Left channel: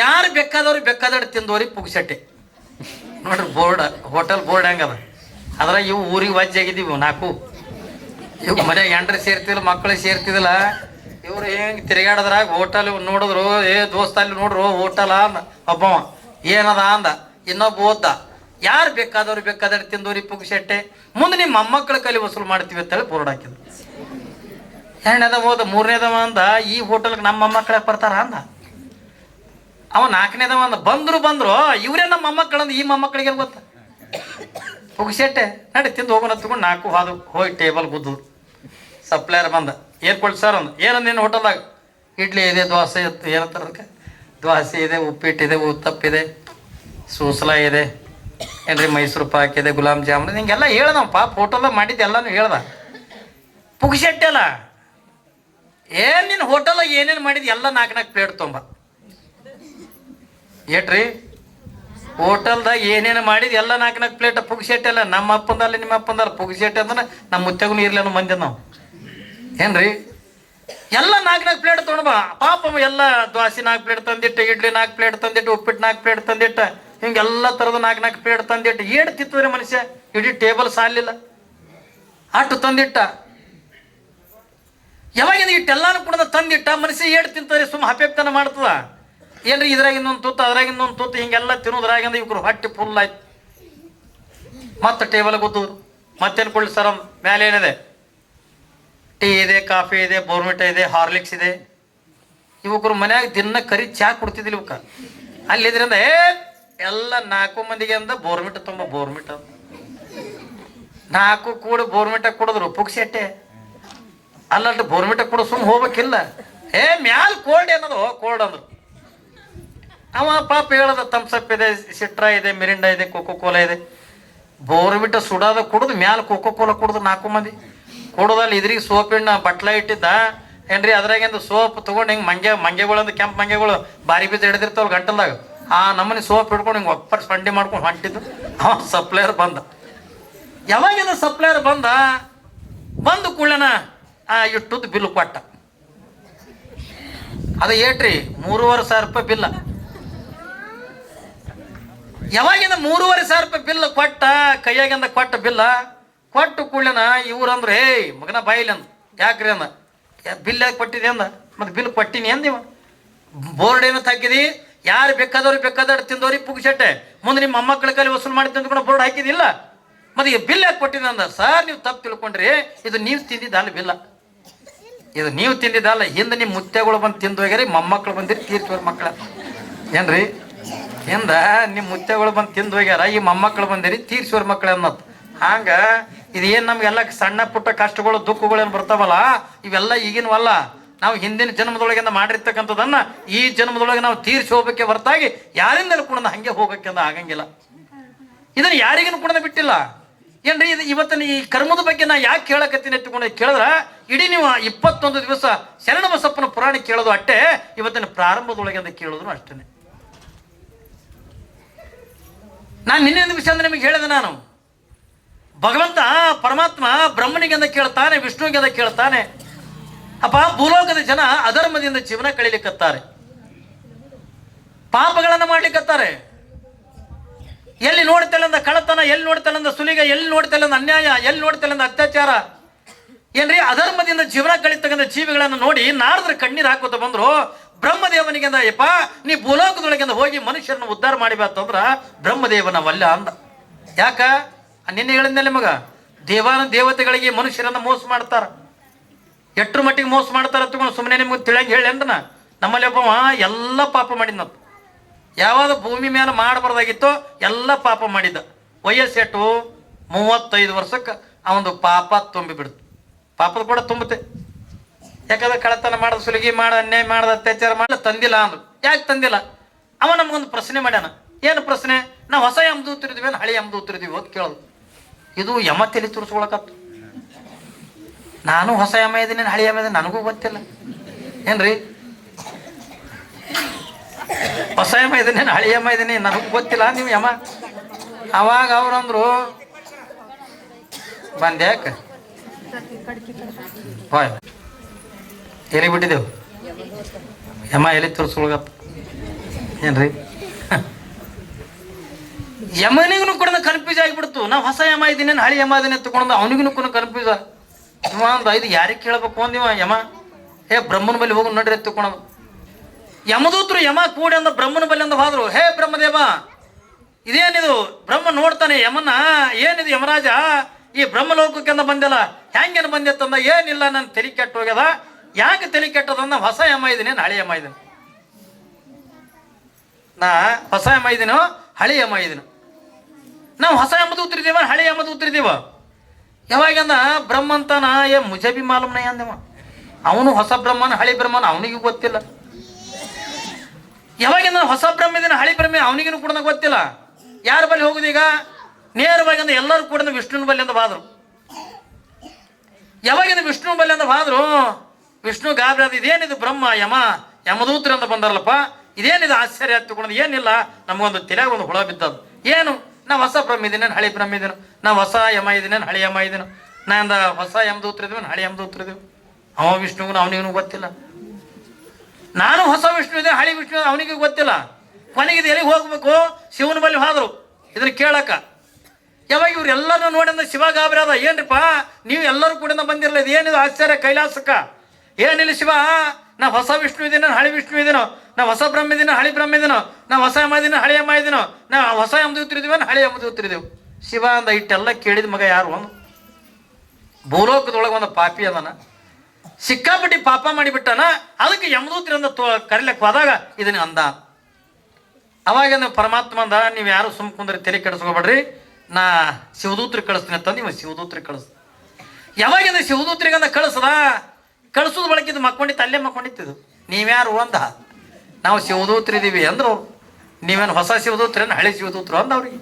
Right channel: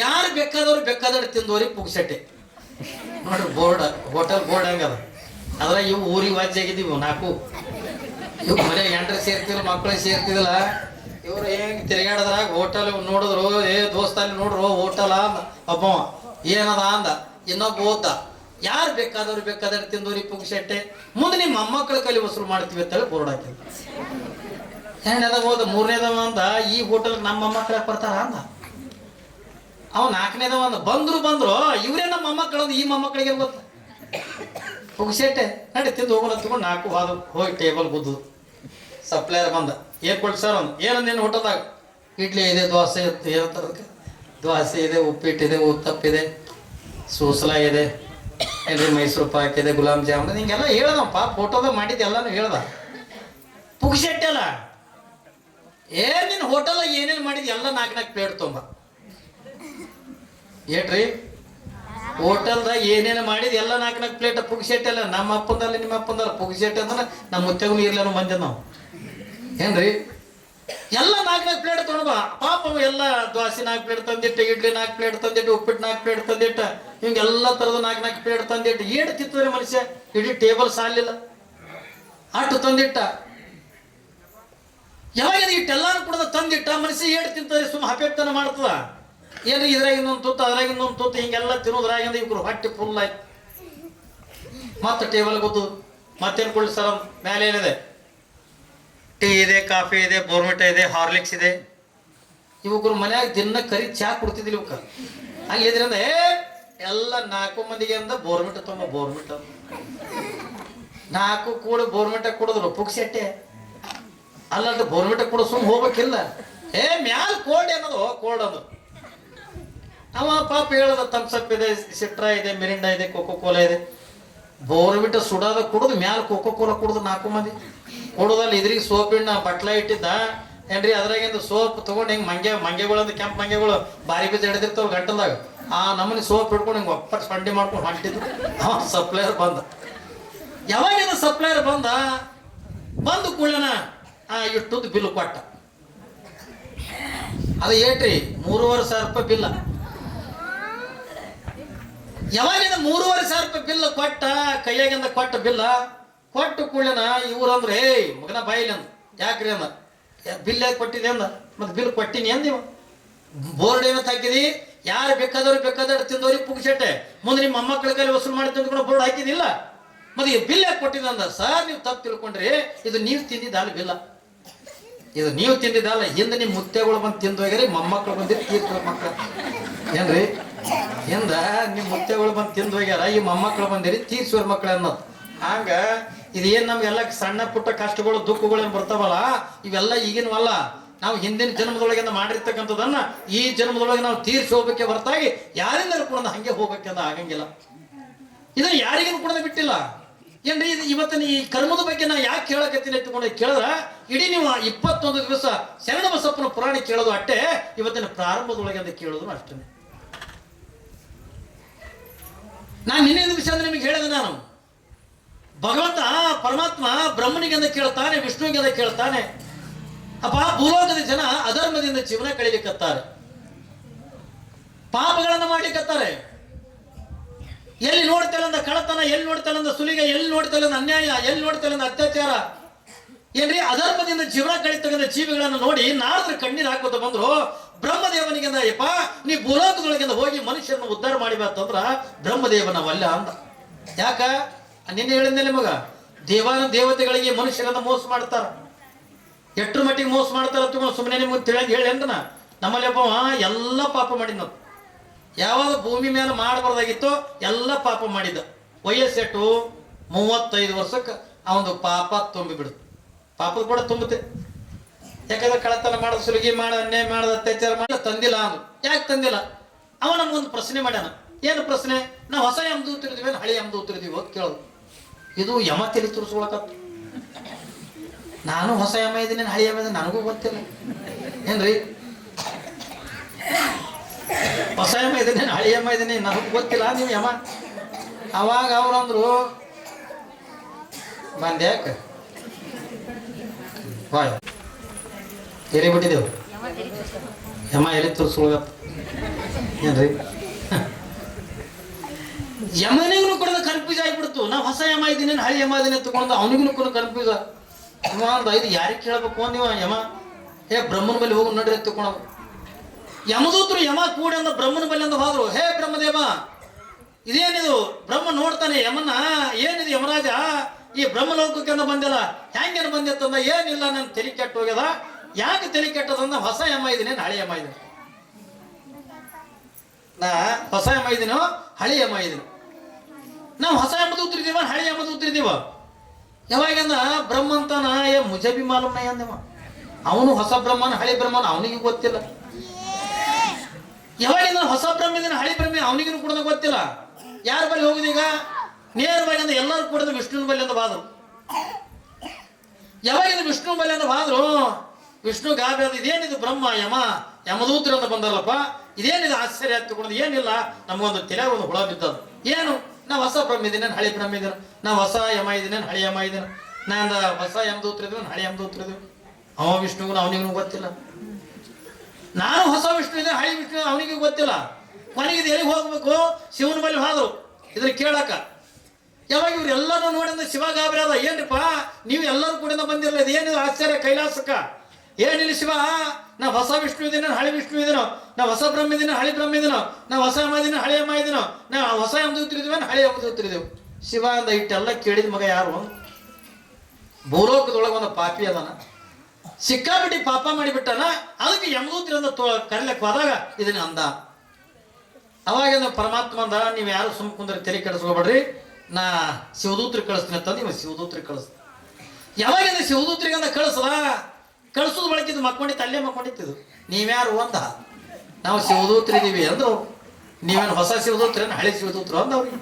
ಯಾರು ಬೇಕಾದವ್ರು ತಿಂದವ್ರಿ ಪುಗ್ಸಟ್ಟೆ. ನೋಡ್ರಿ board, hotel board ಹೆಂಗದ ಅದ್ರ ಇವು ಊರಿಗೆ ವಾಜ್ಯ ಆಗಿದ್ದೀವಿ ನಾಲ್ಕು. ಇವ್ ಮನೆಯಾಗ ಎಂಟ್ರೆ ಸೇರ್ತಿಲ್ಲ, ಮಕ್ಕಳು ಸೇರ್ತಿದಿಲ್ಲ. ಇವ್ರು ಹೆಂಗ್ ತಿರುಗಾಡದ್ರಾಗ ಹೋಟೆಲ್ ನೋಡಿದ್ರು, ಏ ದೋಸ್ತ ಅಲ್ಲಿ ನೋಡ್ರು ಹೋಟೆಲ್ ಅಂದ ಒಬ್ಬವ, ಏನದ ಅಂದ ಇನ್ನೊಬ್ಬ ಓದ್ದ. ಯಾರು ಬೇಕಾದವ್ರು ತಿಂದವ್ರಿ ಪುಗ್ಸಟ್ಟೆ, ಮುಂದೆ ನಿಮ್ಮ ಮೊಮ್ಮಕ್ಕಳ ಕಲಿ ವಸೂಲು ಮಾಡ್ತೀವಿ ಅಂತೇಳಿ ಬೋರ್ಡ್ ಹಾಕಿದ್ರು. ಎರಡನೇದ ಹೋದ, ಮೂರನೇದವ ಅಂದ ಈ ಹೋಟೆಲ್ಗೆ ನಮ್ಮ ಮೊಮ್ಮಕ್ಕಳ ಬರ್ತಾರ ಅಂದ. ಅವ ನಾಲ್ಕನೇದವ ಅಂದ ಬಂದ್ರು ಇವರೇ ನಮ್ಮ ಮೊಮ್ಮಕ್ಕಳಂದ ಈ ಮೊಮ್ಮಕ್ಕಳಿಗೆ ಗೊತ್ತ ಪುಗ್ಸಟ್ಟೆ. ನಡಿ ತಿಂದು ಹೋಗೋಣ ತಗೊಂಡು ನಾಲ್ಕು ಹೋಗಿ ಟೇಬಲ್ ಗುದ್ದು. ಸಪ್ಲೈಯರ್ ಬಂದ, ಏನು ಕೊಟ್ಟು ಸರ್ ಅಂದ. ಏನಂದ ನಿನ್ನ ಹೋಟೆಲ್ದಾಗ? ಇಡ್ಲಿ ಇದೆ, ದೋಸೆ ಏನಂತಾರೆ ಅದಕ್ಕೆ, ದೋಸೆ ಇದೆ, ಉಪ್ಪಿಟ್ಟಿದೆ, ಉತ್ತಪ್ಪಿದೆ, ಸೂಸ್ಲ ಇದೆ, ಏನ್ರಿ ಮೈಸೂರು ಪಾಕ್ ಇದೆ, ಗುಲಾಬ್ ಜಾಮೂನ್, ಹಿಂಗೆಲ್ಲ ಹೇಳ್ದ ಪಾಪ. ಹೋಟೆಲ್ದಾಗ ಮಾಡಿದ್ದು ಎಲ್ಲಾನು ಹೇಳ್ದ. ಪುಗ್ಸಟ್ಟೆ ಅಲ್ಲ, ಏನ್ ನಿನ್ನ ಹೋಟೆಲ್ದಾಗ ಏನೇನು ಮಾಡಿದ್ ಎಲ್ಲ ನಾಲ್ಕು ಪ್ಲೇಟ್ ತೊಂಬ. ಏಟ್ರಿ ಹೋಟೆಲ್ದಾಗ ಏನೇನು ಮಾಡಿದ್ ಎಲ್ಲ ನಾಲ್ಕು ಪ್ಲೇಟ್ ಪುಗ್ಸಟ್ಟೆ ಅಲ್ಲ. ನಮ್ಮ ಅಪ್ಪಂದಲ್ಲ ನಿಮ್ಮ ಅಪ್ಪಂದಲ್ಲ, ಪುಗ್ಸಟ್ಟೆ ಅಂದ್ರೆ ನಮ್ಮ ಮುತ್ತೆಗೂ ಇರ್ಲಿ ಅನ್ನೋ ಮಂದಿ ನಾವು ಏನ್ರಿ. ಎಲ್ಲ ನಾಲ್ಕು ಪ್ಲೇಟ್ ತೊಗೊಂಡ್ಬಾ ಪಾಪ. ಎಲ್ಲ ದೋಸೆ 4 ಪ್ಲೇಟ್ ತಂದಿಟ್ಟು, ಇಡ್ಲಿ 4 ಪ್ಲೇಟ್ ತಂದಿಟ್ಟು, ಉಪ್ಪಿಟ್ಟು 4 ಪ್ಲೇಟ್ ತಂದಿಟ್ಟು, ಹಿಂಗೆಲ್ಲ ಥರದ 4 ಪ್ಲೇಟ್ ತಂದಿಟ್ಟು ಏಳು ತಿಂತದ್ರಿ ಮನುಷ್ಯ. ಇಡೀ ಟೇಬಲ್ ಸಾಲಿಲ್ಲ ಅಷ್ಟು ತಂದಿಟ್ಟ. ಯಾವಾಗ ಇಟ್ಟೆಲ್ಲಾನು ಕೂಡ ತಂದಿಟ್ಟ ಮನುಷ್ಯ ಏಳು ತಿಂತಾರೆ, ಸುಮ್ಮ ಹಪ್ಪೆಪ್ತನ ಮಾಡ್ತದ. ಏನ್ರಿ ಇದ್ರಾಗ ಇನ್ನೊಂದು ತುತ್ತು, ಅದ್ರಾಗ ಇನ್ನೊಂದು ತುತ್ತು, ಹಿಂಗೆಲ್ಲ ತಿನ್ನೋದ್ರಾಗಿಂದ ಇವ್ರು ಹೊಟ್ಟೆ ಫುಲ್ ಆಯ್ತು. ಮತ್ತೆ ಟೇಬಲ್ ಗೊತ್ತು, ಮತ್ತೇನು ಕೊಡ್ಲಿ ಸರ್ ಮೇಲೆ ಏನಿದೆ? ಟೀ ಇದೆ, ಕಾಫಿ ಇದೆ, ಬೋರ್ಮಿಟ ಇದೆ, ಹಾರ್ಲಿಕ್ಸ್ ಇದೆ. ಇವಕ್ಕರು ಮನ್ಯಾಗ ದಿನ ಕರಿ ಚಾ ಕುಡ್ತಿದ್ದಿಲ್ಲ ಇವಕ್ಕ. ಅಲ್ಲಿದ್ರಿಂದ ಎಲ್ಲ 4 ಮಂದಿಗೆ ಅಂದ ಬೋರ್ಮಿಟ ತುಂಬ ಬೋರ್ಮಿಟ 4 ಕೂಡ ಬೋರ್ಮಿಟ ಕುಡಿದ್ರು ಪುಗ್ಸಟ್ಟೆ. ಅಲ್ಲಟ್ಟು ಬೋರ್ಮಿಟ ಕೂಡ ಸುಮ್ಮ ಹೋಗ್ಬೇಕಿಲ್ಲ. ಮ್ಯಾಲ ಕೋಲ್ಡ್ ಏನದು ಕೋಲ್ಡ್ ಅಂದ್ರು. ಅವ ಪಾಪ ಹೇಳದ ಥಮ್ಸಪ್ ಇದೆ, ಸಿಟ್ರಾ ಇದೆ, ಮಿರಿಂಡಾ ಇದೆ, ಕೋಕೋ ಕೋಲಾ ಇದೆ. ಬೋರ್ಮಿಟ ಸುಡೋದ ಕುಡಿದು ಮ್ಯಾಲ ಕೋಕೋ ಕೋಲಾ ಕುಡಿದು 4 ಮಂದಿ ಕುಡುದಲ್ಲಿ ಇದ್ರಿಗೆ ಸೋಪಿನ ಬಟ್ಲ ಇಟ್ಟಿದ್ದ ಏನ್ರಿ. ಅದ್ರಾಗಿಂದ ಸೋಪ್ ತಗೊಂಡು ಹಿಂಗೆ ಮಂಗೆಗಳಂದು ಕೆಂಪು ಮಂಗೆಗಳು ಬಾರಿ ಬೀಜ ಹಿಡಿದಿರ್ತಾವ ಗಂಟಲ್ದಾಗ, ಆ ನಮ್ಮನೆ ಸೋಪ್ ಹಿಡ್ಕೊಂಡು ಹಿಂಗೆ ಒಪ್ಪಟ್ಟು ಸಂಡಿ ಮಾಡ್ಕೊಂಡು ಹೊಂಟಿದ್ದು. ಸಪ್ಲೈಯರ್ ಬಂದ. ಯಾವಾಗಿಂದ ಸಪ್ಲೈಯರ್ ಬಂದು ಕೂಡಲನ ಇಟ್ಟುದ್ದು ಬಿಲ್ ಕೊಟ್ಟ. ಅದು ಏಟ್ರಿ 3,500 ರೂಪಾಯಿ ಬಿಲ್ಲ. ಯಾವಾಗಿಂದ 3,500 ರೂಪಾಯಿ ಬಿಲ್ ಕೊಟ್ಟ, ಕೈಯಾಗಿಂದ ಕೊಟ್ಟ ಬಿಲ್ಲ ಕೊಟ್ಟು ಕೂಡಲನ ಇವ್ರಂದ್ರೆ ಮಗನ ಬಾಯಿಲಿ ಅಂದ. ಯಾಕ್ರಿ ಅಂದ, ಬಿಲ್ ಯಾಕೆ ಕೊಟ್ಟಿದೆ ಅಂದ. ಮತ್ತೆ ಬಿಲ್ ಕೊಟ್ಟಿನಿ ಅಂದಿವ. ಬೋರ್ಡ್ ಏನಂತ ಹಾಕಿದಿ, ಯಾರು ಬೇಕಾದವ್ರು ತಿಂದವ್ರಿಗೆ ಪುಗ್ಸಟ್ಟೆ, ಮುಂದೆ ನಿಮ್ಮ ಮೊಮ್ಮಕ್ಕಳ ಕೈಲಿ ವಸೂಲು ಮಾಡಿ ತಿಂದ್ಕೊಂಡು ಬೋರ್ಡ್ ಹಾಕಿದಿಲ್ಲ. ಮತ್ತೆ ಈ ಬಿಲ್ ಯಾಕೆ ಕೊಟ್ಟಿದೆ ಅಂದ. ಸರ್ ನೀವು ತಪ್ಪು ತಿಳ್ಕೊಂಡ್ರಿ, ಇದು ನೀವು ತಿಂದಿದ್ದಲ್ಲ ಬಿಲ್ಲ, ಇದು ನೀವು ತಿಂದಿದ್ದಲ್ಲ. ಹಿಂದೆ ನಿಮ್ಮ ಮುತ್ತೆಗಳು ಬಂದು ತಿಂದು ಹೋಗ್ಯಾರಿ, ಮೊಮ್ಮಕ್ಕಳು ಬಂದಿರಿ ತೀರ್ಥ ಮಕ್ಕಳ ಏನ್ರಿ. ಹಿಂದ ನಿಮ್ಮ ಮುತ್ತೆಗಳು ಬಂದು ತಿಂದು ಹೋಗ್ಯಾರ, ಈ ಮೊಮ್ಮಕ್ಕಳು ಬಂದಿರಿ ತೀರ್ಸೋರ್ ಮಕ್ಕಳು ಅನ್ನೋದು. ಹಂಗ ಇದೇನು ನಮ್ಗೆಲ್ಲ ಸಣ್ಣ ಪುಟ್ಟ ಕಷ್ಟಗಳು ದುಃಖಗಳೇನು ಬರ್ತಾವಲ್ಲ, ಇವೆಲ್ಲ ಈಗಿನವಲ್ಲ. ನಾವು ಹಿಂದಿನ ಜನ್ಮದೊಳಗಿಂದ ಮಾಡಿರ್ತಕ್ಕಂಥದ್ದನ್ನ ಈ ಜನ್ಮದೊಳಗೆ ನಾವು ತೀರ್ಸಿ ಹೋಗ್ಬೇಕೆ ಹೊರತಾಗಿ ಯಾರಿಂದಲೂ ಕೂಡ ಹಂಗೆ ಹೋಗಕ್ಕೆ ಅಂದ ಆಗಂಗಿಲ್ಲ. ಇದನ್ನು ಯಾರಿಗೂ ಕೂಡ ಬಿಟ್ಟಿಲ್ಲ ಏನ್ರಿ. ಇದು ಇವತ್ತಿನ ಈ ಕರ್ಮದ ಬಗ್ಗೆ ನಾ ಯಾಕೆ ಕೇಳಕತ್ತೀನಿ ಎತ್ತುಕೊಂಡು ಕೇಳಿದ್ರ, ಇಡೀ ನೀವು 21 ದಿವಸ ಶರಣ ಬಸಪ್ಪನ ಪುರಾಣ ಕೇಳೋದು ಅಷ್ಟೇ, ಇವತ್ತಿನ ಪ್ರಾರಂಭದೊಳಗಿಂದ ಕೇಳೋದು ಅಷ್ಟೇ. ನಾನು ನಿನ್ನೆ ನಿಮಿಷ ಅಂದ್ರೆ ನಿಮಗೆ ಹೇಳಿದೆ, ನಾನು ಭಗವಂತ ಪರಮಾತ್ಮ ಬ್ರಹ್ಮನಿಗೆ ಅಂತ ಕೇಳ್ತಾನೆ, ವಿಷ್ಣುವಿಗೆ ಅಂತ ಕೇಳ್ತಾನೆ. ಅಪ್ಪ ಭೂಲೋಕದ ಜನ ಅಧರ್ಮದಿಂದ ಜೀವನ ಕಳೀಲಿಕ್ಕತ್ತಾರೆ, ಪಾಪಗಳನ್ನು ಮಾಡ್ಲಿಕ್ಕತ್ತಾರೆ. ಎಲ್ಲಿ ನೋಡ್ತೇಳಂದ ಕಳತನ, ಎಲ್ಲಿ ನೋಡ್ತೇಳಂದ ಸುಲಿಗ, ಎಲ್ಲಿ ನೋಡ್ತೇಳಂದ ಅನ್ಯಾಯ, ಎಲ್ಲಿ ನೋಡ್ತೇಳಂದ ಅತ್ಯಾಚಾರ ಏನ್ರಿ. ಅಧರ್ಮದಿಂದ ಜೀವನ ಕಳೀತಕ್ಕಂಥ ಜೀವಿಗಳನ್ನು ನೋಡಿ ನಾರದ್ರ ಕಣ್ಣೀರು ಹಾಕೋತ ಬಂದ್ರು. ಬ್ರಹ್ಮದೇವನಿಗೆ ಅಂದ, ಯಪ್ಪ ನೀ ಭೂಲೋಕದೊಳಗಿಂದ ಹೋಗಿ ಮನುಷ್ಯರನ್ನು ಉದ್ಧಾರ ಮಾಡಿಬಾರ್ದಂದ್ರ ಬ್ರಹ್ಮದೇವನ ವಲ್ಲ ಅಂದ. ಯಾಕ ನಿನ್ನೆ ಹೇಳಿದ್ಮೇಲೆ ಮಗ, ದೇವತೆಗಳಿಗೆ ಮನುಷ್ಯರನ್ನ ಮೋಸ ಮಾಡ್ತಾರ. ಎಟ್ರ ಮಟ್ಟಿಗೆ ಮೋಸ ಮಾಡ್ತಾರ ತಗೊಂಡು ಸುಮ್ಮನೆ ನಿಮ್ಗೆ ತಿಳಿಯಂಗೆ ಹೇಳಿ ಅಂದನ. ನಮ್ಮಲ್ಲಿ ಒಬ್ಬವ ಎಲ್ಲ ಪಾಪ ಮಾಡಿದ್ನದು, ಯಾವಾಗ ಭೂಮಿ ಮೇಲೆ ಮಾಡಬಾರ್ದಾಗಿತ್ತು ಎಲ್ಲ ಪಾಪ ಮಾಡಿದ್ದ. ವಯಸ್ಸೆಟ್ಟು 35 ವರ್ಷಕ್ಕೆ ಅವನು ಪಾಪ ತುಂಬಿಬಿಡ್ತು. ಪಾಪದ ಕೂಡ ತುಂಬುತ್ತೆ. ಯಾಕಂದ್ರೆ ಕಳತನ ಮಾಡೋದು, ಸುಲಿಗೆ ಮಾಡ, ಅನ್ಯಾಯ ಮಾಡೋದು, ಅತ್ಯಾಚಾರ ಮಾಡ ತಂದಿಲ್ಲ ಅಂದ್ರು. ಯಾಕೆ ತಂದಿಲ್ಲ? ಅವ ನಮಗೊಂದು ಪ್ರಶ್ನೆ ಮಾಡ್ಯಾನ. ಏನು ಪ್ರಶ್ನೆ? ನಾವು ಹೊಸ ಯಮ ದೂತರಿದ್ವಿ ಹಳೆ ಯಮ ದೂತರಿದ್ವಿ ಅಂತ ಕೇಳೋದು. ಇದು ಯಮ ತಲೆ ತುರ್ಸ್ಕೊಳಕತ್ತು. ನಾನು ಹೊಸ ಯಮ ಇದ್ದೀನಿ, ಹಳೆ ಯಮ ಇದ್ದೀನಿ, ನನಗೂ ಗೊತ್ತಿಲ್ಲ ಏನ್ರಿ. ಹೊಸ ಯಮ ಇದ್ದೀನಿ, ಹಳೆ ಯಮ ಇದ್ದೀನಿ, ನನಗೂ ಗೊತ್ತಿಲ್ಲ ನೀವು ಯಮ. ಅವಾಗ ಅವ್ರಂದ್ರು ಬಂದೆ ಯಾಕೆ ಹೋಯ್ ಎಲ್ಲಿ ಬಿಟ್ಟಿದ್ದೆವು ಯಮ ಎಲ್ಲಿ ತುರ್ಸ್ಕೊಳಕತ್ತು. ಏನ್ರಿ ಯಮನಿಗೂ ಕೂಡ ಕನ್ಫ್ಯೂಸ್ ಆಗಿಬಿಡ್ತು. ನಾವು ಹೊಸ ಯಮ ಇದ್ದೀನಿ ಹಳಿ ಯಮ ಇದೀನಿ ತಗೊಂಡು ಅವನಿಗೂ ಕೂಡ ಕನ್ಫ್ಯೂಸ್. ಇವ ಅಂದ ಇದು ಯಾರಿಗೆ ಕೇಳಬೇಕು ಅಂದಿವ ಯಮ. ಹೇ ಬ್ರಹ್ಮನ ಬಳಿ ಹೋಗಿ ನಡ್ರಿ ಎತ್ತುಕೊಳೋದು. ಯಮದೂತರು ಯಮ ಕೂಡಿ ಅಂದ ಬ್ರಹ್ಮನ ಬಳಿ ಅಂದ ಹೋದ್ರು. ಹೇ ಬ್ರಹ್ಮದೇವ, ಇದೇನಿದು? ಬ್ರಹ್ಮ ನೋಡ್ತಾನೆ ಯಮನ, ಏನಿದು ಯಮರಾಜ ಈ ಬ್ರಹ್ಮಲೋಕಕ್ಕೆಂದ ಬಂದಿಲ್ಲ, ಹೆಂಗೇನು ಬಂದಿತ್ತಂದ. ಏನಿಲ್ಲ, ನನ್ನ ತಲೆ ಕೆಟ್ಟು ಹೋಗ್ಯದ. ಯಾಕೆ ತಲೆ ಕೆಟ್ಟದಂದ, ಹೊಸ ಯಮ ಇದ್ದೀನಿ ಹಳಿ ಯಮ ಇದ್ದೀನಿ. ನಾ ಹೊಸ ಯಮ ಇದ್ದೀನೋ ಹಳಿ ಯಮ ಇದ್ದೀನೋ. ನಾವು ಹೊಸ ಯಮದೂತರಿದ್ದೀವ ಹಳಿ ಯಮದೂತರಿದ್ದೀವ. ಯಾವಾಗಂದ ಬ್ರಹ್ಮ ಅಂತಾನ ಏ ಮುಜಬಿ ಮಾಲೂಮ್ನ ಅಂದವ. ಅವನು ಹೊಸ ಬ್ರಹ್ಮನ ಹಳಿ ಬ್ರಹ್ಮನ ಅವನಿಗೂ ಗೊತ್ತಿಲ್ಲ. ಯಾವಾಗಿಂದ ಹೊಸ ಬ್ರಹ್ಮ ಇದನ್ನ ಹಳಿ ಬ್ರಹ್ಮ ಅವನಿಗೂ ಕೂಡ ಗೊತ್ತಿಲ್ಲ. ಯಾರ ಬಳಿ ಹೋಗುದೀಗ? ನೇರವಾಗಿ ಅಂದ್ರೆ ಎಲ್ಲರೂ ಕೂಡ ವಿಷ್ಣುವಿನ ಬಳಿ ಅಂತ ಬಾದ್ರು. ಯಾವಾಗಿಂದ ವಿಷ್ಣು ಬಳಿ ಅಂತ ಬಾದ್ರು, ವಿಷ್ಣು ಗಾಬರಿ ಅದು. ಇದೇನಿದು ಬ್ರಹ್ಮ ಯಮ ಯಮದೂತರು ಅಂತ ಬಂದಾರಲ್ಲಪ್ಪ, ಇದೇನಿದು ಆಶ್ಚರ್ಯ ಹತ್ತಿಕೊಂಡು. ಏನಿಲ್ಲ, ನಮಗೊಂದು ತಲೆ ಒಂದು ಹುಳ ಬಿದ್ದದು. ಏನು? ನಾ ಹೊಸ ಬ್ರಹ್ಮ ಇದ್ದೀನಿ ಹಳಿ ಬ್ರಹ್ಮ ಇದ್ದೀನ, ನಾ ಹೊಸ ಯಮ ಇದ್ದೀನಿ ಹಳಿ ಯಮ ಇದ್ದೀನ, ನಾ ಹೊಸ ಯಮದೂತ್ರ ಇದೀವಿ ಹಳಿ ಯಮದೂತ್ರ ಇದೀವಿ. ಅವ ವಿಷ್ಣುಗೂ ಅವನಿಗೂ ಗೊತ್ತಿಲ್ಲ. ನಾನು ಹೊಸ ವಿಷ್ಣು ಇದೆ ಹಳಿ ವಿಷ್ಣು ಅವನಿಗೂ ಗೊತ್ತಿಲ್ಲ. ಕೊನೆಗಿದು ಎಲ್ಲಿಗೆ ಹೋಗ್ಬೇಕು? ಶಿವನ ಬಳಿ ಹೋದ್ರು ಇದನ್ನ ಕೇಳಕ. ಯಾವಾಗ ಇವ್ರು ಎಲ್ಲರೂ ನೋಡಿಂದ ಶಿವ ಗಾಬರಿ ಅದ. ಏನ್ರಿಪ್ಪ ನೀವು ಎಲ್ಲರೂ ಕೂಡ ಬಂದಿರಲ್ಲ, ಇದು ಏನಿದು ಆಶ್ಚರ್ಯ ಕೈಲಾಸಕ್ಕ? ಏನಿಲ್ಲ ಶಿವ, ನಾ ಹೊಸ ವಿಷ್ಣು ಇದೀನೋ ಹಳಿ ವಿಷ್ಣು ಇದೀನೋ, ನಾ ಹೊಸ ಬ್ರಹ್ಮ ಇದೀನೋ ಹಳಿ ಬ್ರಹ್ಮ ಇದೀನೋ, ನಾ ಹೊಸ ಯಮ ಇದೀನೋ ಹಳಿ ಯಮ ಇದೀನೋ, ನಾ ಹೊಸ ಯಮದೂತರಿದೀವ ಹಳಿ ಯಮದೂತರಿದೀವಿ. ಶಿವ ಅಂದ ಇಟ್ಟೆಲ್ಲ ಕೇಳಿದ ಮಗ ಯಾರು? ಭೂಲೋಕದೊಳಗೆ ಒಂದು ಪಾಪಿ ಅದನ, ಸಿಕ್ಕಾಪಟ್ಟಿ ಪಾಪ ಮಾಡಿಬಿಟ್ಟಾನ. ಅದಕ್ಕೆ ಯಮದೂತರಿಂದ ಕರಿಲಕ್ಕೆ ಹೋದಾಗ ಇದನ್ನ ಅಂದ. ಅವಾಗ ಪರಮಾತ್ಮ ಅಂದ, ನೀವು ಯಾರು ಸುಮ್ ಕುಂದ್ರೆ ತಲೆ ಕೆಡಿಸ್ಕೋಬೇಡ್ರಿ, ನಾ ಶಿವದೂತ್ರಿಗೆ ಕಳಿಸ್ತೀನಿ ಅಂತಂದು ಇವ ಶಿವದೂತ್ರಿಗೆ ಕಳಿಸ್. ಯಾವಾಗಿಂದ ಶಿವದೂತ್ರಿಗಂದ ಕಳಿಸೋದು ಬಳಕಿದ್ದು ಮಕ್ಕೊಂಡಿತ್ತು, ಅಲ್ಲೇ ಮಕ್ಕೊಂಡಿತ್ತು. ನೀವ್ಯಾರು ಅಂದ. ನಾವು ಶಿವದೂತ್ರಿದೀವಿ ಅಂದ್ರು. ನೀವೇನು ಹೊಸ ಶಿವದೂತ್ರೇನು ಹಳೆ ಶಿವದೂತ್ರು ಅಂದ ಅವ್ರಿಗೆ.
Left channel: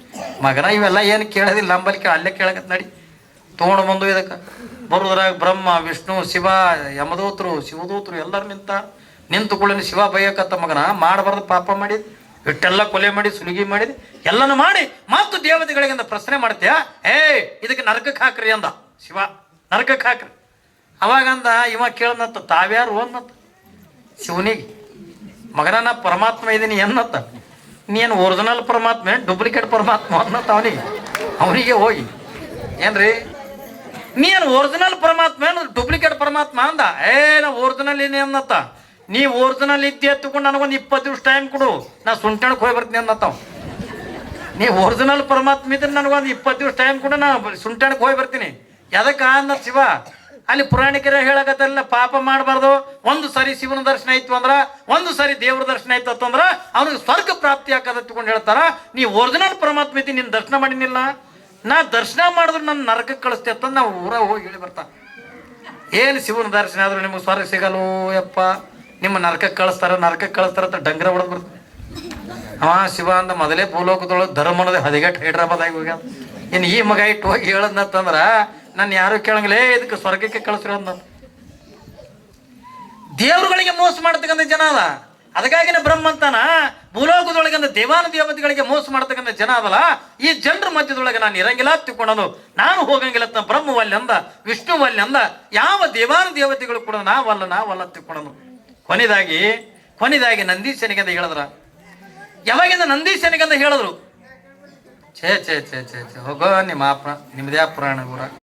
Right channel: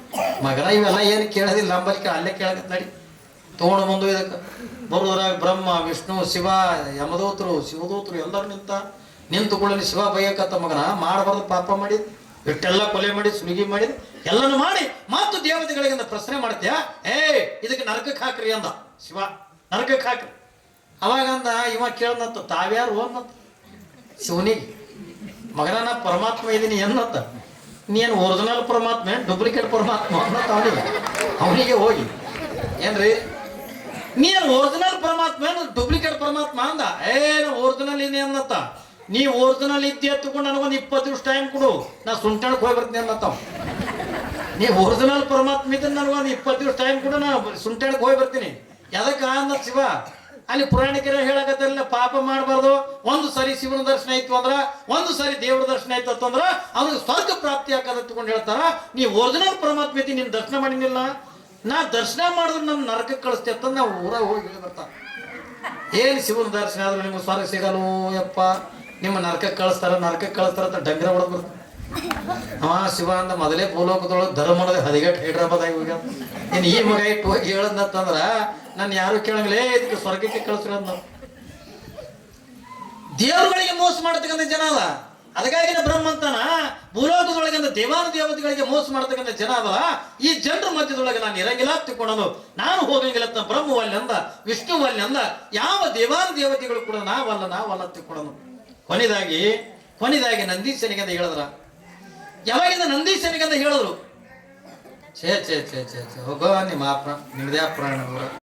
ಮಗನ ಇವೆಲ್ಲ ಏನು ಕೇಳೋದಿಲ್ಲ, ನಂಬಲಿಕ್ಕೆ ಅಲ್ಲೇ ಕೇಳಕತ್ ನಡಿ ತೊಗೊಂಡು ಬಂದು ಇದಕ್ಕೆ ಬರುದ್ರಾಗ ಬ್ರಹ್ಮ ವಿಷ್ಣು ಶಿವ ಯಮದೂತರು ಶಿವದೂತರು ಎಲ್ಲರೂ ನಿಂತುಕೊಳ್ಳಿ. ಶಿವ ಬೈಯಕತ್ತ ಮಗನ ಮಾಡಬಾರ್ದು ಪಾಪ ಮಾಡಿ ಇಟ್ಟೆಲ್ಲ ಕೊಲೆ ಮಾಡಿ ಸುಲಿಗೆ ಮಾಡಿ ಎಲ್ಲನೂ ಮಾಡಿ ಮತ್ತು ದೇವತೆಗಳಿಗಿಂದ ಪ್ರಶ್ನೆ ಮಾಡ್ತೀಯ. ಇದಕ್ಕೆ ನರಕಕ್ಕೆ ಹಾಕ್ರಿ ಅಂದ ಶಿವ. ನರಕಕ್ಕೆ ಹಾಕ್ರಿ. ಅವಾಗಂದ ಇವ ಕೇಳನತ್ತ, ತಾವ್ಯಾರು ಅನ್ನತ್ತ ಶಿವನಿಗೆ. ಮಗನ ನಾ ಪರಮಾತ್ಮ ಇದೀನಿ ಅನ್ನತ್ತ. ನೀನು ಒರಿಜಿನಲ್ ಪರಮಾತ್ಮ ಡೂಪ್ಲಿಕೇಟ್ ಪರಮಾತ್ಮ ಅನ್ನತ್ತ ಅವನಿಗೆ ಹೋಗಿ. ಏನ್ರಿ ನೀನು ಒರಿಜಿನಲ್ ಪರಮಾತ್ಮ ಏನು ಡೂಪ್ಲಿಕೇಟ್ ಪರಮಾತ್ಮ ಅಂದ. ನಾ ಒರಿಜಿನಲ್ ಏನೇ ಅನ್ನತ್ತ. ನೀ ಒರಿಜಿನಲ್ ಇದ್ದೆ ಎತ್ತುಕೊಂಡು ನನಗೊಂದು 20 ದಿವಸ ಟೈಮ್ ಕೊಡು, ನಾ ಸುಂಟಣಕ್ಕೆ ಹೋಗಿ ಬರ್ತೀನಿ ಅನ್ನತ್ತಾವ. ನೀ ಒರಿಜಿನಲ್ ಪರಮಾತ್ಮ ಇದ್ರೆ ನನಗೊಂದು 20 ದಿವಸ ಟೈಮ್ ಕೊಡು, ನಾ ಸುಂಟಣಕ್ಕೆ ಹೋಗಿ ಬರ್ತೀನಿ. ಎದಕ್ಕೆ ಅಂದ ಶಿವ. ಅಲ್ಲಿ ಪುರಾಣಿಕರ ಹೇಳಕತ್ತಲ್ಲ, ಪಾಪ ಮಾಡಬಾರ್ದು. ಒಂದು ಸರಿ ಶಿವನ ದರ್ಶನ ಆಯ್ತು ಅಂದ್ರ, ಒಂದು ಸರಿ ದೇವ್ರ ದರ್ಶನ ಆಯ್ತು ಅಂತಂದ್ರ ಅವ್ನಿಗೆ ಸ್ವರ್ಗ ಪ್ರಾಪ್ತಿ ಆಕದತ್ಕೊಂಡು ಹೇಳ್ತಾರ. ನೀ ಒರಿಜಿನಲ್ ಪರಮಾತ್ಮ ಇದ್ದೀನಿ, ನೀನು ದರ್ಶನ ಮಾಡಿನಿಲ್ಲ, ನಾ ದರ್ಶನ ಮಾಡಿದ್ರು ನನ್ನ ನರಕಕ್ಕೆ ಕಳಿಸ್ತೆ ಅಂತ ನಾವು ಊರಾಗ ಹೋಗಿ ಹೇಳಿ ಬರ್ತಾನ. ಏನು ಶಿವನ ದರ್ಶನ ಆದ್ರೂ ನಿಮ್ಗೆ ಸ್ವರ್ಗ ಸಿಗಲು ಯಪ್ಪ, ನಿಮ್ಮ ನರಕಕ್ಕೆ ಕಳಿಸ್ತಾರ ಅಂತ ಡಂಗ್ರ ಹೊಡೆದ್ ಬರ್ತಾರೆ. ಶಿವ ಅಂದ ಮೊದಲೇ ಭೂಲೋಕದೊಳಗೆ ಧರ್ಮನದ ಹದಿಗೆಟ್ಟು ಹೈಡ್ರಾಬಾದ್ ಆಗಿ ಹೋಗ್ಯ. ಇನ್ನು ಈ ಮಗ ಇಟ್ಟು ಹೋಗಿ ಹೇಳದ್ನಂತಂದ್ರ ನಾನು ಯಾರು ಕೇಳಂಗಿಲ್ಲೇ ಇದಕ್ಕೆ ಸ್ವರ್ಗಕ್ಕೆ ಕಳಿಸ್ತಿರೋದ್. ದೇವರುಗಳಿಗೆ ಮೋಸ ಮಾಡ್ತಕ್ಕಂಥ ಜನ ಅದ. ಅದಕ್ಕಾಗಿನ ಬ್ರಹ್ಮ ಅಂತಾನ ಭೂಲೋಕದೊಳಗಂದ ದೇವಾನ ದೇವತೆಗಳಿಗೆ ಮೋಸ ಮಾಡ್ತಕ್ಕಂಥ ಜನ ಅದಲ್ಲ. ಈ ಜನರ ಮಧ್ಯದೊಳಗೆ ನಾನು ಇರಂಗಿಲ್ಲ ತಿಳ್ಕೊಳ್ಳೋದು, ನಾನು ಹೋಗಂಗಿಲ್ಲ. ಬ್ರಹ್ಮ ವಲ್ಯ ಅಂದ, ವಿಷ್ಣು ವಲ್ಯ ಅಂದ, ಯಾವ ದೇವಾನ ದೇವತೆಗಳು ಕೂಡ ನಾವಲ್ಲ ತಿಳ್ಕೊಳ್ಳೋದು. ಕೊನೆದಾಗಿ ನಂದೀಶನಿಗಂದ ಹೇಳಿದ್ರ. ಯಾವಾಗಿಂದ ನಂದೀಶನಿಗಂದ ಹೇಳಿದ್ರು, ಛೇ ಹೋಗೋ ನಿಮ್ಮದೇ ಪುರಾಣ ಊರ